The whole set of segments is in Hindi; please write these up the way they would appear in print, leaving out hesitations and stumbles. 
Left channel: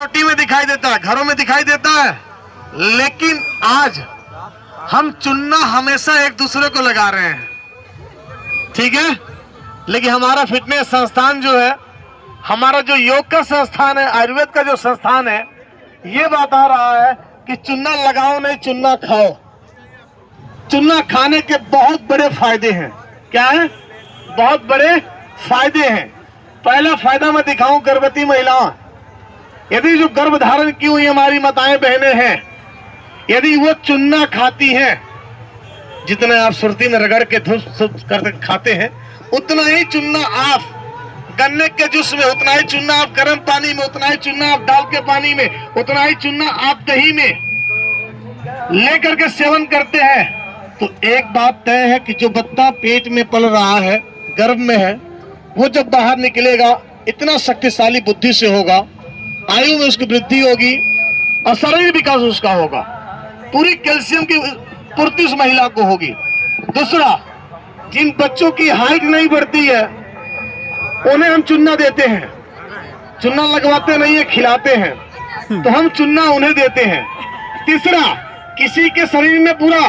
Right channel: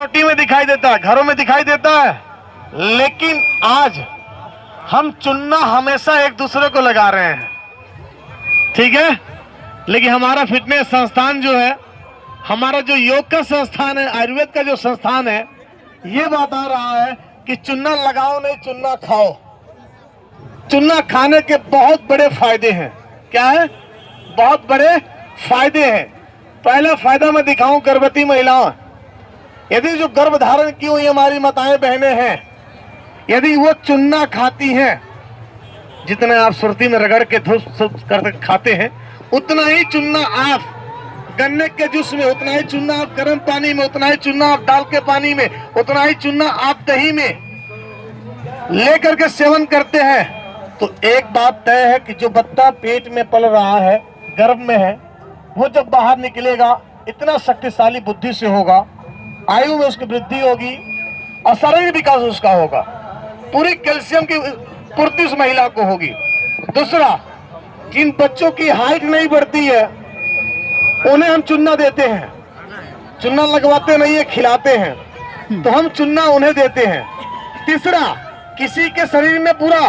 रोटी में दिखाई देता है, घरों में दिखाई देता है, लेकिन आज हम चुन्ना हमेशा एक दूसरे को लगा रहे हैं, ठीक है। लेकिन हमारा फिटनेस संस्थान जो है, हमारा जो योग का संस्थान है, आयुर्वेद का जो संस्थान है, ये बता रहा है कि चुन्ना लगाओ नहीं, चुन्ना खाओ। चुन्ना खाने के बहुत बड़े फायदे हैं। क्या है? बहुत बड़े फायदे हैं। पहला फायदा मैं दिखाऊं, गर्भवती महिलाओं, यदि जो गर्भ धारण की हुई हमारी माताएं बहनें हैं, यदि वो चुन्ना खाती हैं, जितने आप सुरती में रगड़ के धूप कर खाते हैं, उतना ही चुन्ना आप गन्ने के जूस में, उतना ही चुन्ना आप गर्म पानी में, उतना ही चुन्ना आप दाल के पानी में, उतना ही चुन्ना आप दही में लेकर के सेवन करते हैं, तो एक बात तय है कि जो बच्चा पेट में पल रहा है, गर्भ में है, वो जब बाहर निकलेगा इतना शक्तिशाली बुद्धि से होगा, आयु में उसकी वृद्धि होगी और शारीरिक विकास उसका होगा, पूरी कैल्शियम की पूर्ति उस महिला को होगी। दूसरा, जिन बच्चों की हाइट नहीं बढ़ती है, उन्हें हम चुन्ना देते हैं। चुन्ना लगवाते नहीं है, खिलाते हैं, तो हम चुन्ना उन्हें देते हैं। तीसरा, किसी के शरीर में पूरा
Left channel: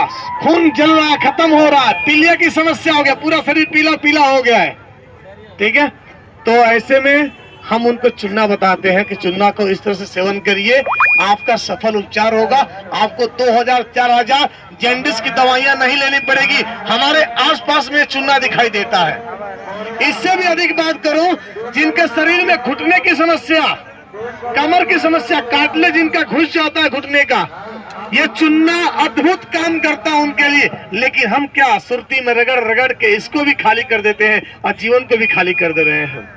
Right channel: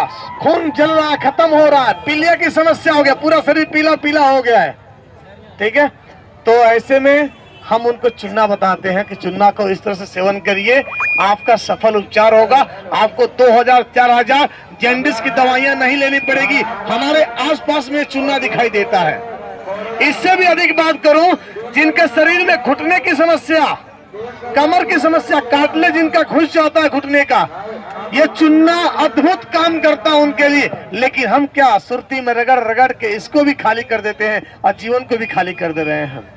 खून जल रहा, खत्म हो रहा है, पीलिया की समस्या हो गया, पूरा शरीर पीला पीला हो गया है, ठीक है, तो ऐसे में हम उनको चुन्ना बताते हैं कि चुन्ना को इस तरह से सेवन करिए, आपका सफल उपचार होगा। आपको 2000 4000 जैंडिस की दवाइयां नहीं लेनी पड़ेगी। हमारे आसपास में चुन्ना दिखाई देता है। इससे भी अधिक बात करूं, जिनके शरीर में घुटने की समस्या, कमर की समस्या, कार्टिलेज जिनका घुस जाता है घुटने का, ये चुन्ना अद्भुत काम करता है उनके लिए। लेकिन हम क्या सुरती में रगड़ रगड़ के इसको भी खाली कर देते हैं और जीवन को भी खाली कर दे रहे हैं।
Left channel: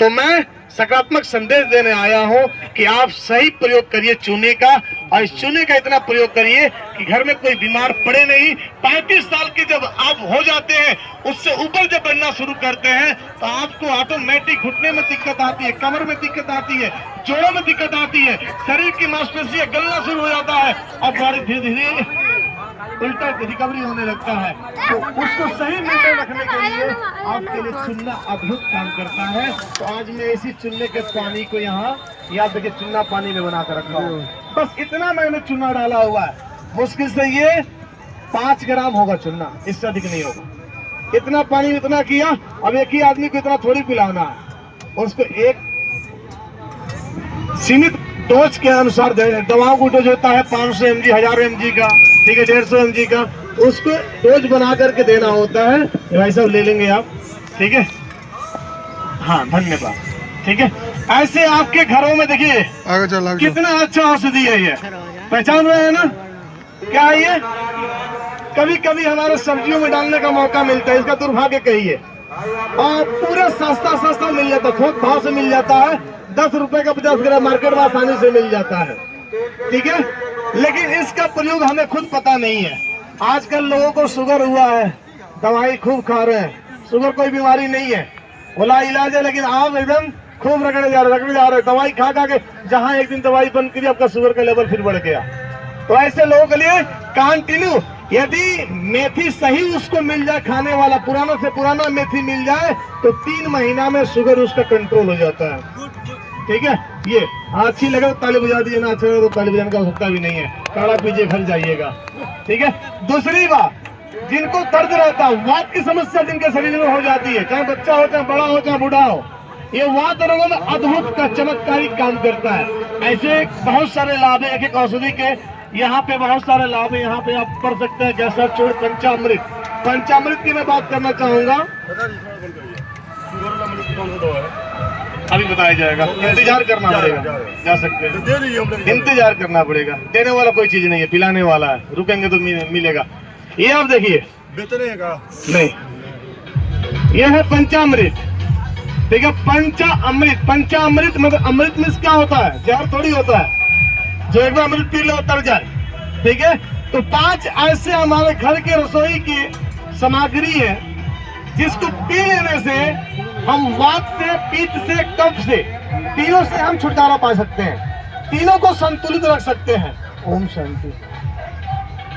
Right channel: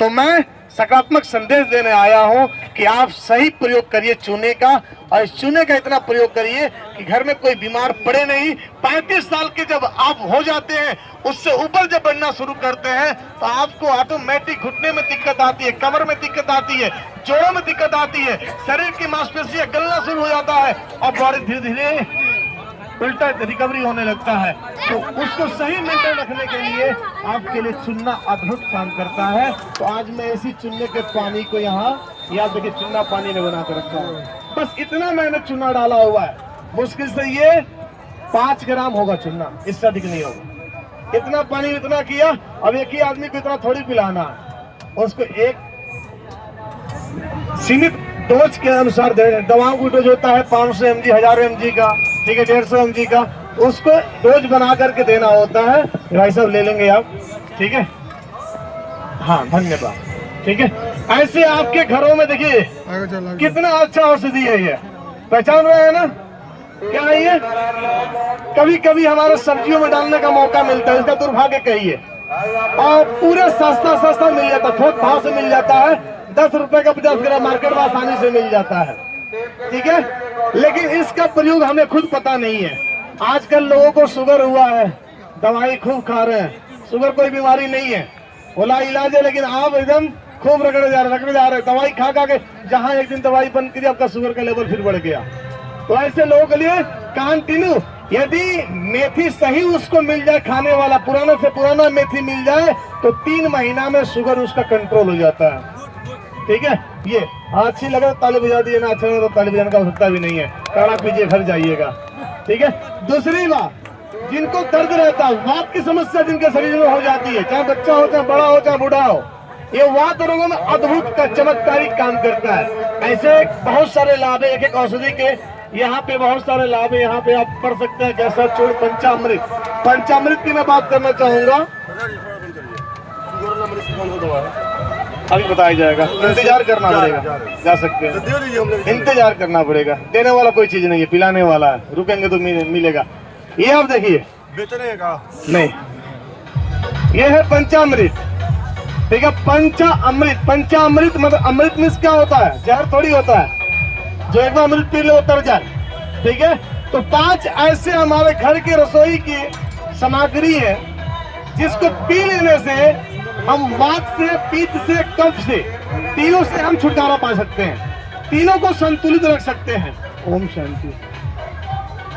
तो मैं सकारात्मक संदेश देने आया हूं कि आप सही प्रयोग करिए चूने का, और इस चूने का इतना प्रयोग करिए कि घर में कोई बीमार पड़े नहीं। 35 साल के जब आप हो जाते हैं, उससे ऊपर जब बनना शुरू करते हैं, तो आपको ऑटोमेटिक घुटने में दिक्कत आती है, कमर में दिक्कत आती है, जोड़ों में दिक्कत आती है, शरीर की मांसपेशियां गलना शुरू हो जाता है और बॉडी धीरे धीरे उल्टा रिकवरी होने लगता है। तो उसको सही मेंटेन रखने के लिए आपके लिए चुन्ना अद्भुत काम करता है। तो आज मैं इसी चुन्ने के पानी को यहाँ याद देखिए, चुन्ना पानी में बना कर रखा हूँ। बस इतना मैंने चुन्ना डाला हुआ है, मुश्किल से ये 5 ग्राम होगा चुन्ना, इससे अधिक नहीं होगा। इतना पानी इतना किया, अब एक ही आदमी को इतना थोड़ी पिलाना है, उसको एक सीमित डोज के अनुसार दे। दवाओं को डोज होता है 500 mg, 1000 mg का, ठीक है, 150 mg का, उसको डोज बना करके देना होता है। भाई साहब ले लेंगे आप, ठीक है, हाँ धन्यवाद, ठीक है। ऐसे आपके घरों में देखिए कितना अच्छा औषधि है ये, पहचान रहे हैं ना क्या है ये? कभी कभी हमारे सब्जियों में डालने का मौका मिलता है, इसका दुर्भाग्य कहिए, और पूरा सस्ता सस्ता मिल जाता है, थोक भाव से मिल जाता है, 10 रुपए का 50 ग्राम मार्केट में आसानी से मिल जाता है, ठीक है। लेकिन इसका प्रयोग हमें खुद पता नहीं है। आजकल लोगों को शुगर हुआ है, दवाई खूब खा रहे हैं, शुगर कोई बीमारी नहीं है, बोला इलाज है, लेकिन आप एकदम खूब रगड़े जा रहे, दवाई खा खा के, जहां एक दिन दवाई बंद की आपका शुगर का लेवल फिर बढ़ गया। तो ऐसे लोगों के लिए कंटिन्यू, यदि मेथी सही उसको मिल जाए, खाने वाला पुराना से पुराना मेथी मिल जाए, तो 3 महीना में शुगर उसका कंट्रोल हो जाता है, ठीक है। ये अच्छी लगा ताली बजा दी ना, अच्छा लगा तो ताली बजाने का आवश्यकता भी नहीं है, काढ़ा पीजिए घर जाइएगा, ठीक है। दूसरी बात, जिनको दर्द रहता है, वात की समस्या जिनके शरीर में हो जाती है, चाहे बच्चा हो, चाहे बड़ा हो, चाहे बूढ़ा हो, ये वात रोगों में अद्भुत का चमत्कारिक काम करता है। ऐसे बहुत सारे लाभ है एक एक औषधि के, यहाँ पे बहुत सारे लाभ है, यहाँ पे आप पढ़ सकते हैं। जैसा चूर्ण पंचामृत, पंचामृत की मैं बात करना चाहूंगा, अभी बताया जाएगा, इंतजार करना पड़ेगा, जा सकते हैं, इंतजार करना पड़ेगा, देने वाला कोई चीज नहीं है, पिलाने वाला है, रुकेंगे तो मिलेगा। ये आप देखिए, बेचने का नहीं, ये है पंचामृत, ठीक है, पंचामृत। पंचामृत मतलब अमृत मिस क्या होता है? जहर थोड़ी होता है, जो एक बार अमृत पी लो उतर जाए, ठीक है। तो 5 ऐसे हमारे घर की रसोई की सामग्री है, जिसको पी लेने से हम वात से, पित्त से, कफ से, तीनों से हम छुटकारा पा सकते हैं, तीनों को संतुलित रख सकते हैं। ओम शांति।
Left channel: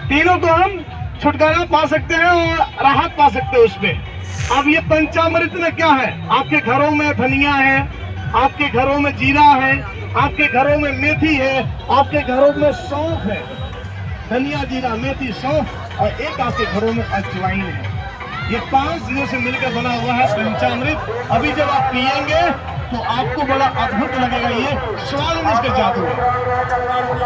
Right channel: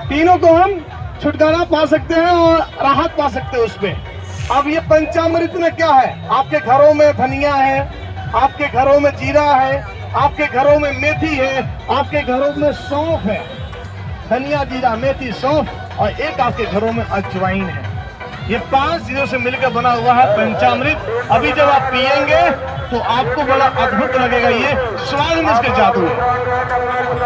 तीनों को हम छुटकारा पा सकते हैं और राहत पा सकते हैं उसमें। अब ये पंचामृत में क्या है? आपके घरों में धनिया है, आपके घरों में जीरा है, आपके घरों में मेथी है, आपके घरों में सौंफ है, धनिया, जीरा, मेथी, सौंफ, और एक आपके घरों में अजवाइन है। ये 5 चीजों से मिलकर बना हुआ है पंचामृत। अभी जब आप पिएंगे तो आपको बड़ा अद्भुत लगेगा, ये स्वाद में इसके जादू है।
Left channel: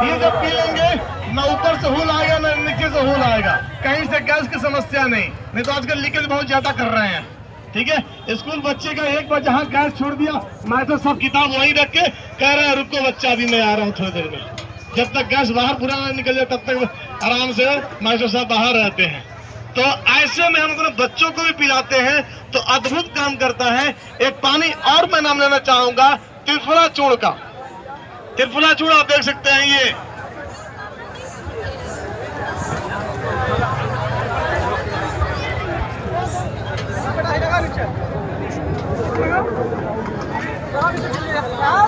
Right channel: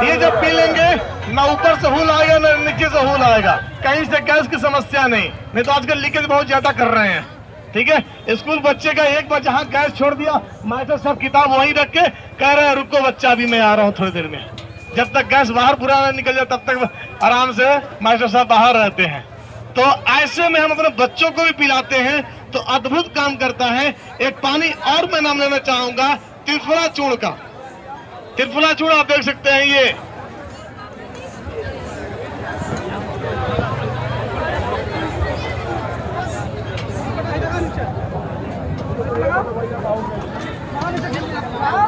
ये जब पी लेंगे ना ऊपर से हुल आएगा ना नीचे से हुल आएगा, कहीं से गैस की समस्या नहीं तो आजकल लीकेज बहुत ज्यादा कर रहे हैं। ठीक है, स्कूल बच्चे का एक बार जहाँ गैस छोड़ दिया, मास्टर साहब किताब वहीं रख के कह रहे हैं रुको बच्चा अभी मैं आ रहा हूँ थोड़ी देर में। जब तक गैस बाहर पूरा ना निकल जाए तब तक आराम से मास्टर साहब बाहर रहते हैं। तो ऐसे में हम अपने बच्चों को भी पिलाते हैं तो अद्भुत काम करता है। एक पानी और मैं नाम लेना चाहूंगा त्रिफला चूर्ण का। त्रिफला चूर्ण आप देख सकते हैं, ये हाँ